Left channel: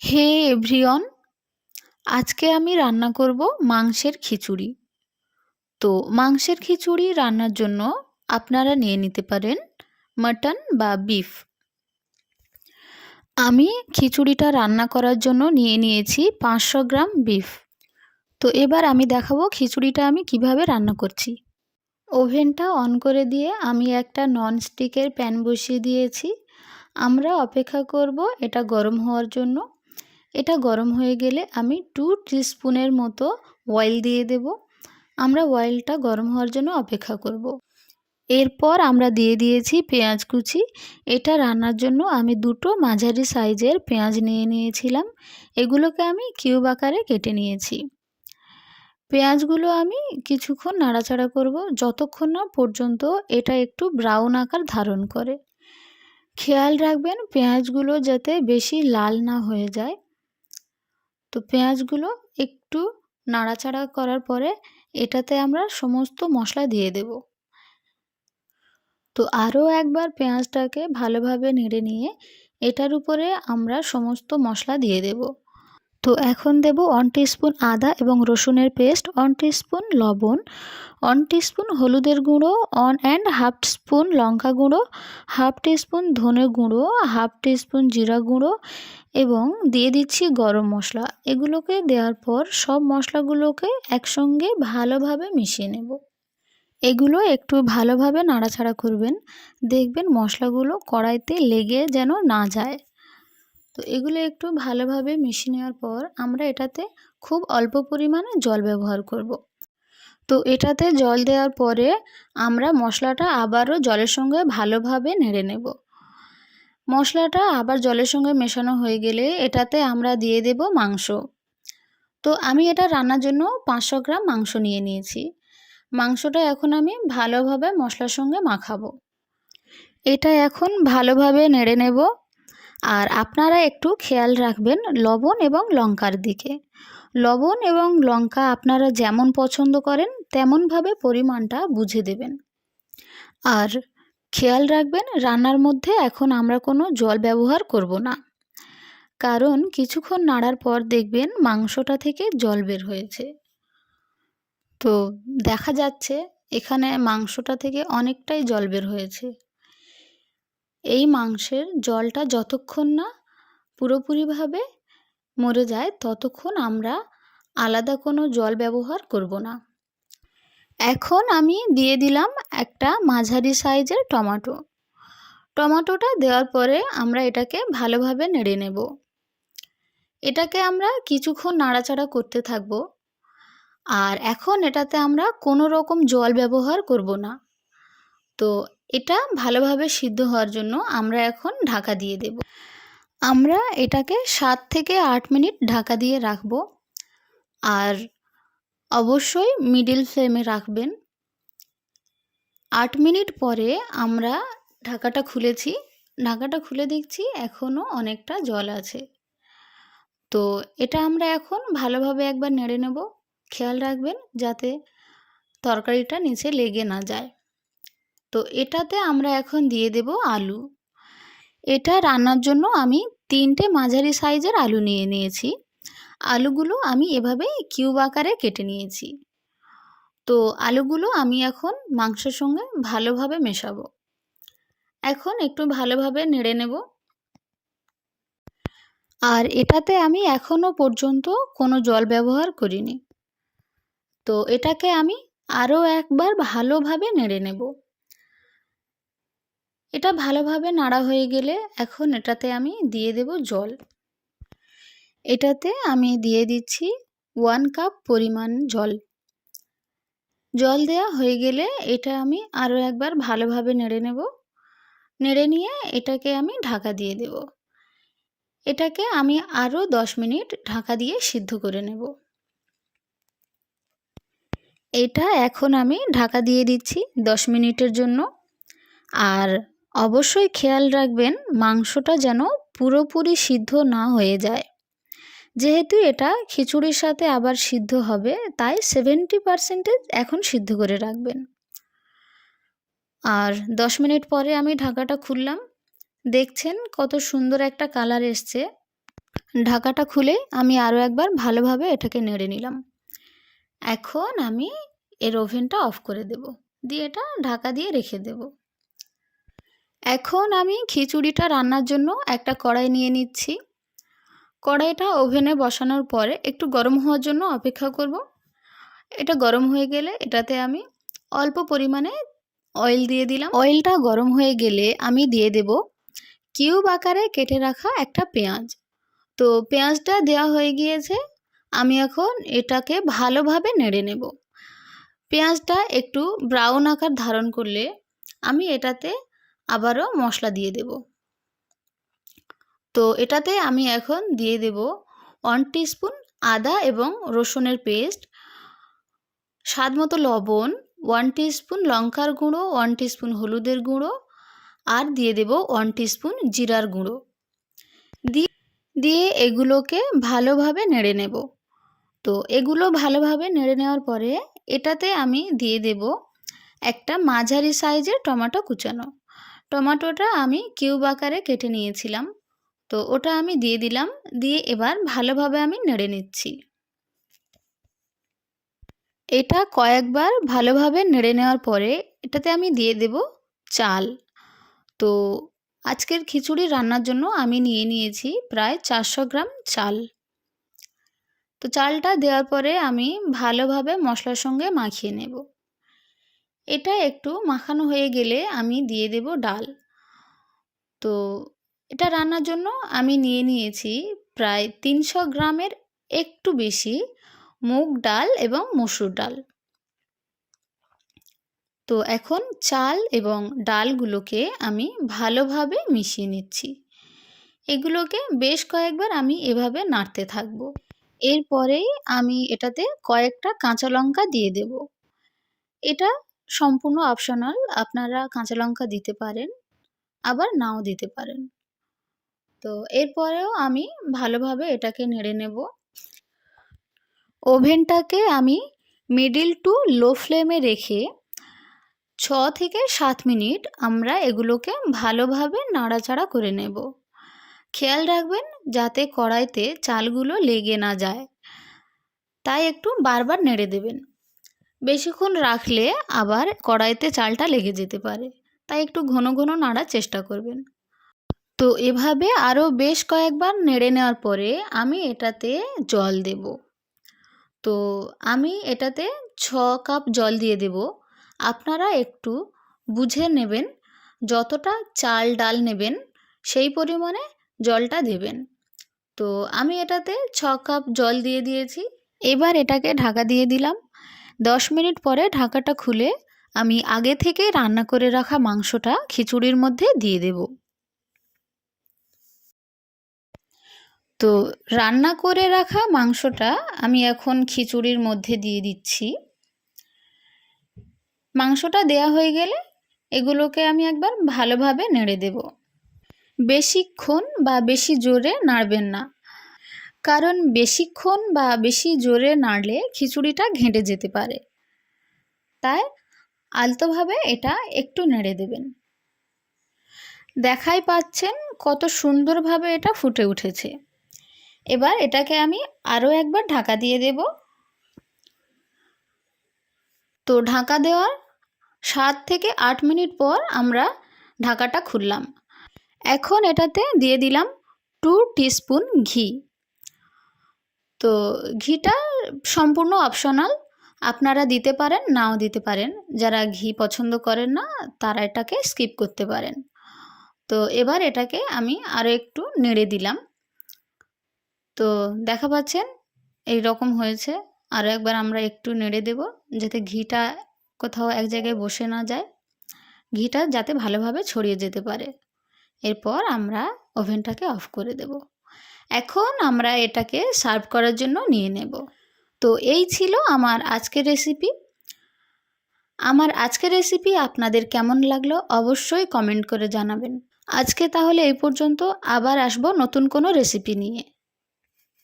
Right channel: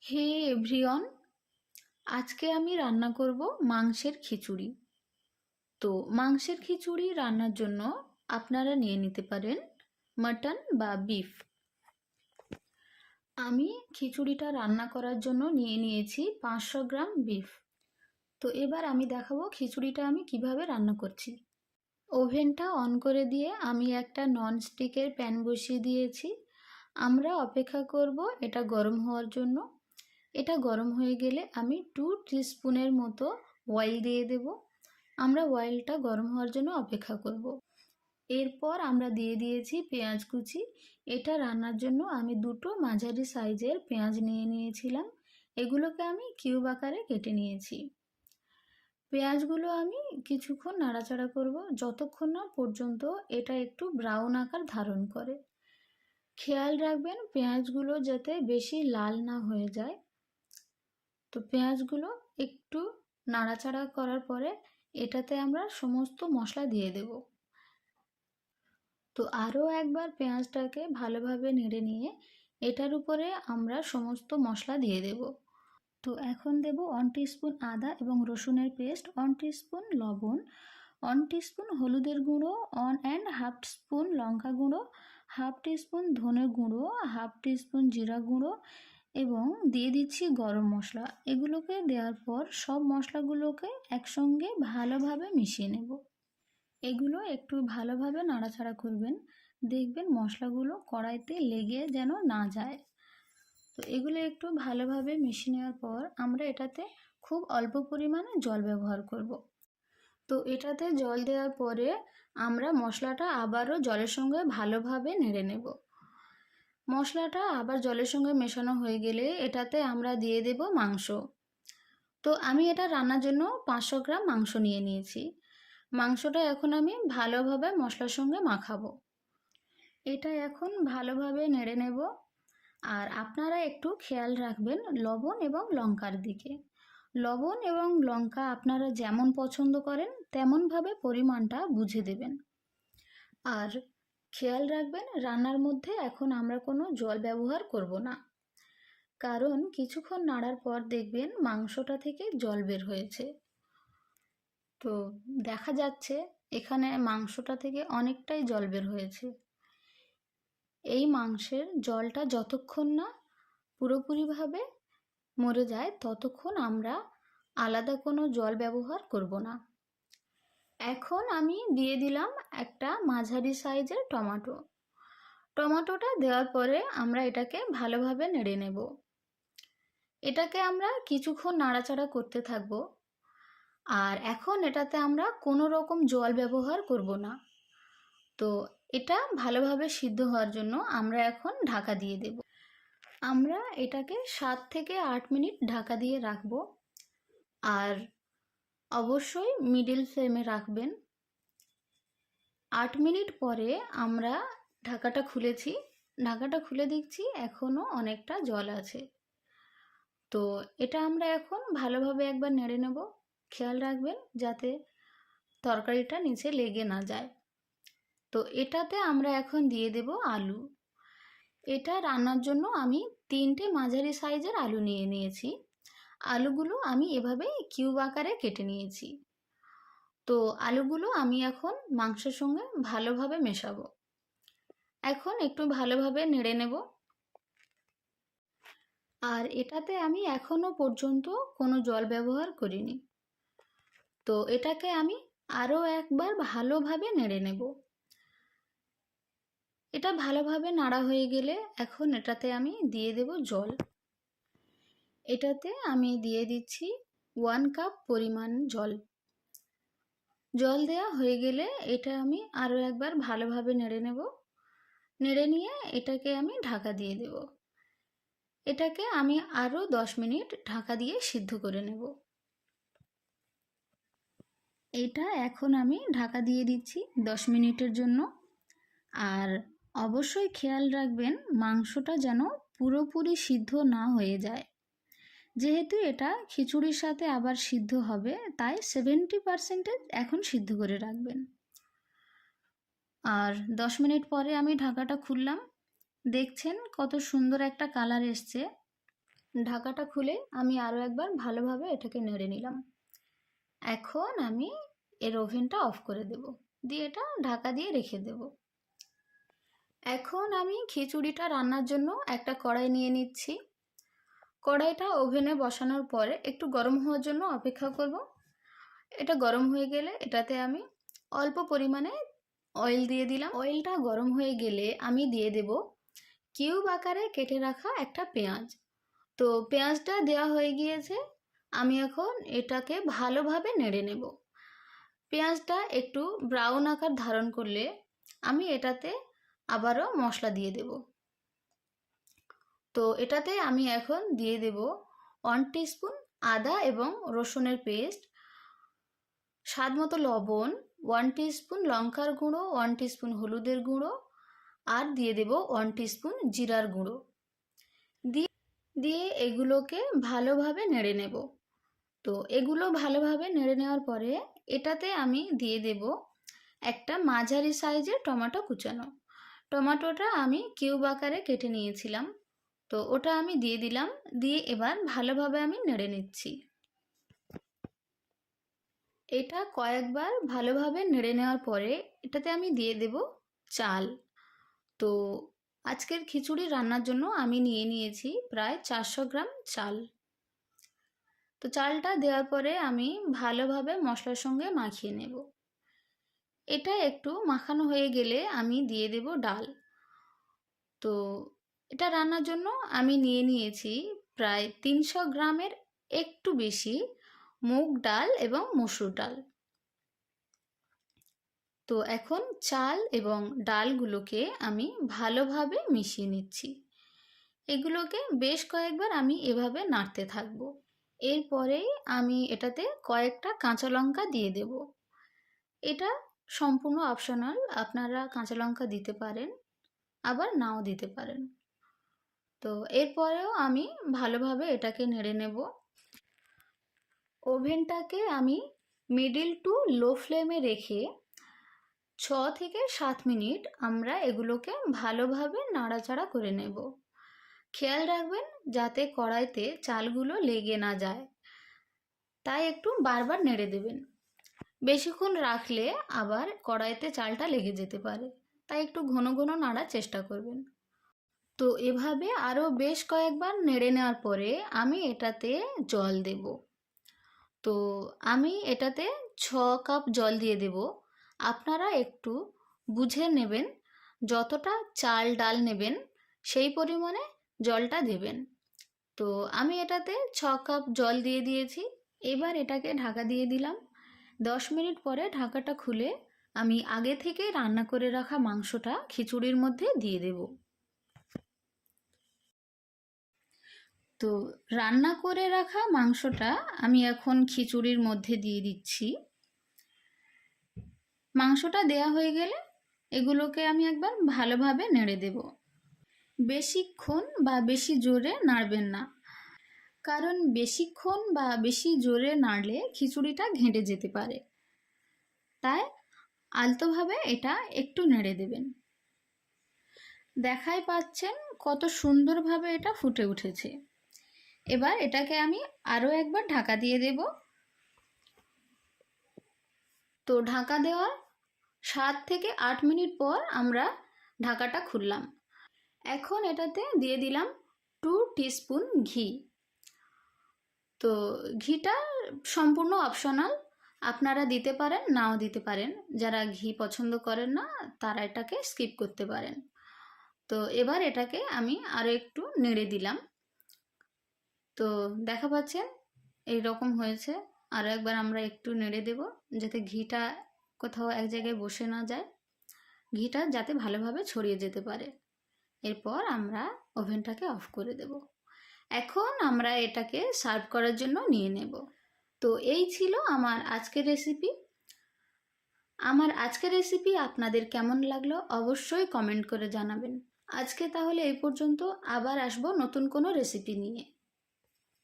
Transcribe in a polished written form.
হে everyone, আজকে আমি রান্না করব মাংসের খিচুড়ি। তো মাংসের খিচুড়ি রান্নার জন্য আপনারা নিয়ে নিতে পারেন মাটন বা বিফ। আমি খিচুড়িটা রান্না করার জন্য নিয়ে নিয়েছি 500 গ্রাম বিফ। তো এবার আমি দেখাবো খিচুড়িটা আমি কিভাবে রান্না করছি। ওভেনটা অন করে দিয়ে আমি একটা ননস্টিকের প্যান বসিয়ে দিয়েছি। আমরা অপেক্ষা করব এটা গরম হওয়ার জন্য। এটা গরম হয়ে গেলে আমি 2 টিস্পুনের মতো অয়েল দিয়ে দেব। আমরা অয়েলটা গরম হওয়ার জন্য অপেক্ষা করব। এরপর আমরা দিয়ে দিয়েছি পেঁয়াজ কুচি। এটা রান্নার জন্য আমি দুটো মাঝারি সাইজের পেঁয়াজ নিয়ে নিয়েছিলাম। এগুলোকে আমি কিউব আকারে কেটে নিয়েছি। পেঁয়াজগুলো আমি কিছুক্ষণ নাড়াচাড়া করব যতক্ষণ না পর্যন্ত এটা একটু ব্রাউন আকার ধারণ করে। খেয়াল রাখবেন পেঁয়াজগুলো যাতে বেশি লাল না হয়ে যায়। তো পেঁয়াজগুলো একটু নাড়াচাড়া করার পরে এটাতে আমরা সমস্ত মশলা দিয়ে দেব। তো আরও একবার পেঁয়াজটাকে ভালোভাবে নেড়ে নিয়ে এটার উপরে আমরা সমস্ত মশলা দিয়ে দেব। তো এখন দেব 1 টিস্পুন আদা এবং রসুনের পেস্ট, 1 টিস্পুন লবণ, 1 টিস্পুন হলুদের গুঁড়ো, 1.5 স্পুন লঙ্কা গুঁড়ো, 1/2 টিস্পুন ধনে গুঁড়ো, 1/2 টিস্পুন জিরা গুঁড়ো এবং দিয়ে দিচ্ছি গরম মশলা। এগুলোকে দেওয়ার পর সব মশলাগুলোকে একসঙ্গে ভালোভাবে মিশিয়ে নেব। এগুলো একটু ভালোভাবে নাড়াচাড়া করবেন, দেখবেন মশলাগুলো কড়াইতে লেগে যেন না যায়। তো এগুলো একটু ভালোভাবে মিশিয়ে নেওয়ার পর আমরা এটাতে খুব অল্প পরিমাণে জল ব্যবহার করব। তো এটাতে জল দেওয়ার পরে আমরা মশলাটা আবারও জলের সঙ্গে ভালোভাবে নেড়ে নেব। মশলাটা আবার জলের সঙ্গে মেশানো হয়ে গেলে এটাতে আমরা দিয়ে দেব মাংস। তো আমি এটা রান্নার জন্য 500 গ্রাম মাংস নিয়ে নিয়েছি। মাংসটা এখন আমি ভালোভাবে মশলার সঙ্গে মাখাবো। এটা এখন ভালোভাবে নেড়ে নেব। আর আপনারা একটু খেয়াল রাখবেন লবণ এবং লঙ্কার দিকে। লবণ এবং লঙ্কা আপনারা যেমন পছন্দ করেন তেমনভাবে পরিমাণটা বুঝে দেবেন। আর খেয়াল রাখবেন রান্নার মধ্যে এখন আমরা কোনো জল ব্যবহার করব না, কারণ কিছুক্ষণ নাড়ার পর দেখবেন মাংসটা থেকে জল বের হয়েছে। তো দেখা যাচ্ছে এখানে মাংসটা থেকে অনেকটাই জল বের হয়েছে। এই মাংসের জলটা যতক্ষণ না পুরোপুরিভাবে মরে যায় ততক্ষণ আমরা আলাদা কোনো জল ব্যবহার করব না। এখন আমি দিয়ে দিলাম একটা মাঝারি সাইজের টমেটো। টমেটোটা দেওয়ার পরে আমরা এটাকে ভালোভাবে নেড়ে নেব। এটাকে আমরা কিছুক্ষণ নাড়াচাড়া করতে থাকব। আর এখন এটাতে আমরা কোনো রকম জল ব্যবহার করব না। তো এটা ভালোভাবে সিদ্ধ হওয়ার জন্য আমরা এখন ঢাকা দিয়ে দেব। আমরা এটাকে 7 থেকে 8 মিনিট ঢাকা দিয়ে রাখব। আর অবশ্যই মিডিল ফ্লেমে রাখবেন। 8 মিনিট পরে আমরা ঢাকাটা খুলেছি। ঢাকাটা খুলে দেখছি এখনও অনেকটা জল আছে। তো এটা আমরা এখন ভালোভাবে একবার নেড়ে নেব। খেয়াল রাখবেন যাতে তরকারিটা নিচে লেগে না যায়। তো এটাতে আমরা এখন দিয়ে দেব আলু। এটা রান্নার জন্য আমি 3টে মাঝারি সাইজের আলু নিয়ে নিয়েছি। আলুগুলো আমি এভাবে কিউব আকারে কেটে নিয়েছি। তো আলুগুলো আমি এখন মাংসের সঙ্গে ভালোভাবে মেশাবো। এখন একটু ভালোভাবে নেড়ে নেব। আর এটাতে আমি এখনও পর্যন্ত কোনো জল ব্যবহার করিনি। তো এটাকে আমি আরও একবার ভালোভাবে নেড়ে নেব। এটা ভালোভাবে নাড়া হয়ে গেলে এখন এটাতে আমি দিয়ে দেব জল। এটাতে আমি দিয়ে দিচ্ছি 1 কাপ পরিমাণ জল। জল দেওয়া হয়ে গেলে এটা আমি আরও একবার ভালোভাবে নেড়ে নেব। নেড়ে নিয়ে এটাকে আমি ঢাকা দিয়ে দেব। এটাকে আমি আরও 10 মিনিট ঢাকা দিয়ে সিদ্ধ করে নেব। এটা এখন আমি ঢাকা দিয়ে দিচ্ছি 10 মিনিটের জন্য। আর অবশ্যই খেয়াল রাখবেন মাংসটা যেন পুরোপুরি সিদ্ধ না হয়ে যায়। যেহেতু এটা খিচুড়ির সাথে আবার সিদ্ধ হবে তাই 70% এখন সিদ্ধ করে রাখবেন। আর 10 মিনিট পরে আমি ঢাকাটা খুললাম। দেখছেন কত সুন্দর একটা কালার এসছে। ঢাকাটা খুলে আমি আরও একবার ভালোভাবে এটাকে নেড়ে নিলাম। এখন আমি এর ওভেনটা অফ করে দেব, দিয়ে এটা ঢাকা দিয়ে রেখে দেব। এখন আমি খিচুড়িটা রান্নার জন্য একটা কড়াই নিয়ে নিচ্ছি। কড়াইটা ওভেনে বসানোর পরে একটু গরম হওয়ার জন্য অপেক্ষা করব। এটা গরম হয়ে গেলে এটাতে আমি অল্প পরিমাণে অয়েল দিয়ে দিলাম। অয়েলটা গরম হয়ে গেলে আমি দিয়ে দেব কিউব আকারে কেটে রাখা একটা পেঁয়াজ। তো পেঁয়াজটা দেওয়া হয়ে গিয়েছে, আমি এখন এটাকে ভালোভাবে নেড়ে নেব। পেঁয়াজটা একটু ব্রাউন আকার ধারণ করলে আমি এটাতে আবারও মশলা দিয়ে দেব। তো এটাতে আমি এখন দিয়ে দেব 1 টিস্পুন আদা এবং রসুনের পেস্ট, স্বাদ মতো লবণ, 1 টিস্পুন লঙ্কার গুঁড়ো, 1 টিস্পুন হলুদের গুঁড়ো, আর দিয়ে দেব 1 টিস্পুন জিরার গুঁড়ো। দিয়ে এগুলোকে ভালোভাবে নেড়ে নেব। তো এগুলো ভালোভাবে নেড়ে নেওয়ার পরে এটাতে আমি দিয়ে দেব একটা মাঝারি সাইজের টমেটো কুচানো। টমেটোটা আমি কিউব আকারে কেটে নিয়েছিলাম, তো ওটা আমি দিয়ে দিলাম। দিয়ে এবার ভালোভাবে আমি নেড়ে নিচ্ছি। এটা কয়েকবার ভালোভাবে নেড়ে নেওয়ার পরে এটাতে আমি দিয়ে দেব চাল। তো আজকের খিচুড়ি রান্নার জন্য আমি নিয়ে নিয়েছি প্রায় 400 গ্রাম চাল। তো চালটা দেওয়ার পরে আমি ভালোভাবে মশলার সঙ্গে মাখিয়ে নেব। এটা একটু মাখানো হয়ে গেলে আমি দিয়ে দেব ডাল। তো এটা রান্নার জন্য আমি নিয়ে নিয়েছি প্রায় 300 গ্রামের একটু বেশি মুগ ডাল এবং মসুর ডাল। তো এখন চাল এবং ডালগুলোকে আমি ভালোভাবে মিশিয়ে নিচ্ছি। এগুলোকে বেশ কয়েকবার আমি এভাবে নাড়তে থাকবো। এরপরেই আমি এটাতে কয়েকটা কাঁচা লঙ্কা দিয়ে দেব। এটা সম্পূর্ণ অপশনাল, আপনারা কাঁচা লঙ্কা দিতে পারেন আবার নাও দিতে পারেন। তো এরপরেও আমি ভালোভাবে এটাকে নেড়ে নেব। ওভেনটাকে আমি মিডিল টু লো ফ্লেমে রেখে 6 থেকে 7 মিনিট আমরা এগুলোকে ভালোভাবে নাড়াচাড়া করে নেব। খেয়াল রাখবেন যাতে কড়াইতে চালগুলো লেগে না যায়, তাই একটু বারবার নেড়ে দেবেন। বেশিক্ষণ রাখলে আবার কড়াইতে চালটা লেগে যেতে পারে, তাই একটু ঘন ঘন নাড়ার চেষ্টা করবেন। তো এভাবে আরও বেশ কয়েকবার নেড়ে নেওয়ার পরে আমি এটাতে জল দেব। তো আমি এটাতে 6 কাপ জল দিয়ে দেব। আপনারা একটু বুঝে নেবেন, যতটা চাল ডাল নেবেন সেই পরিমাণে জলটা দেবেন। তো আমি এটাতে 6 কাপ জল দিয়ে দিয়েছি। এবার এটাকে ঢাকা দিয়ে দিলাম। 10 মিনিট পরে ঢাকাটা খুলে আমি আগে থেকে রান্না করে রাখা মাংসটা খিচুড়ির মধ্যে দিয়ে দেব। তো রান্না করে রাখা মাংসটা আমি এখন খিচুড়ির মধ্যে দিয়ে দিচ্ছি। মাংসটা দেয়া হয়ে গেলে এগুলোকে আমি একবার ভালোভাবে নেড়ে দেব। বেশিক্ষণ বা বেশি জোরে নাড়বেন না, কারণ বেশিক্ষণ বা বেশি জোরে নাড়লে খিচুড়িটা ঘেঁটে যেতে পারে। তাই আলতোভাবে এটা একটু নেড়ে দেবেন। দেখাই পাচ্ছেন কত সুন্দরভাবে এটা ফুটে উঠেছে। এবার এটাকে আমি আরও একবার ঢাকা দিয়ে দেব। তো ঢাকা দেওয়ার 7 থেকে 8 মিনিট পর আমরা ঢাকাটা খুললাম। এখন এটাতে দিয়ে দিলাম 2 টিস্পুন ঘি। তো ঘিটা সম্পূর্ণ অপশনাল, আপনারা দিতে পারেন নাও দিতে পারেন। যারা ঘি পছন্দ করেন না তারা এটাকে স্কিপ করতে পারেন। তো এবার এটাকে আমি আরও একটু নেড়ে দিলাম। তো দেখা পাচ্ছেন এই রকম হয়েছে। আরও একবার আমরা একটু নেড়ে দেব যাতে ঘিটা কোথাও এক জায়গায় বসে না যায়, ঘিটা যাতে ভালোভাবে ছড়িয়ে যেতে পারে। এরপর আমরা ওভেনটাকে অফ করে দেব। এখন আমরা এটাকে সার্ভ করার জন্য নিয়ে নেব। তো এই ছিল আমার আজকের রেসিপি। আমার আজকের রেসিপি আপনাদের কেমন লাগলো অবশ্যই কমেন্ট করে জানাবেন। আজকে তাহলে এই পর্যন্ত, আবার আসবো নতুন কোনো রেসিপি নিয়ে।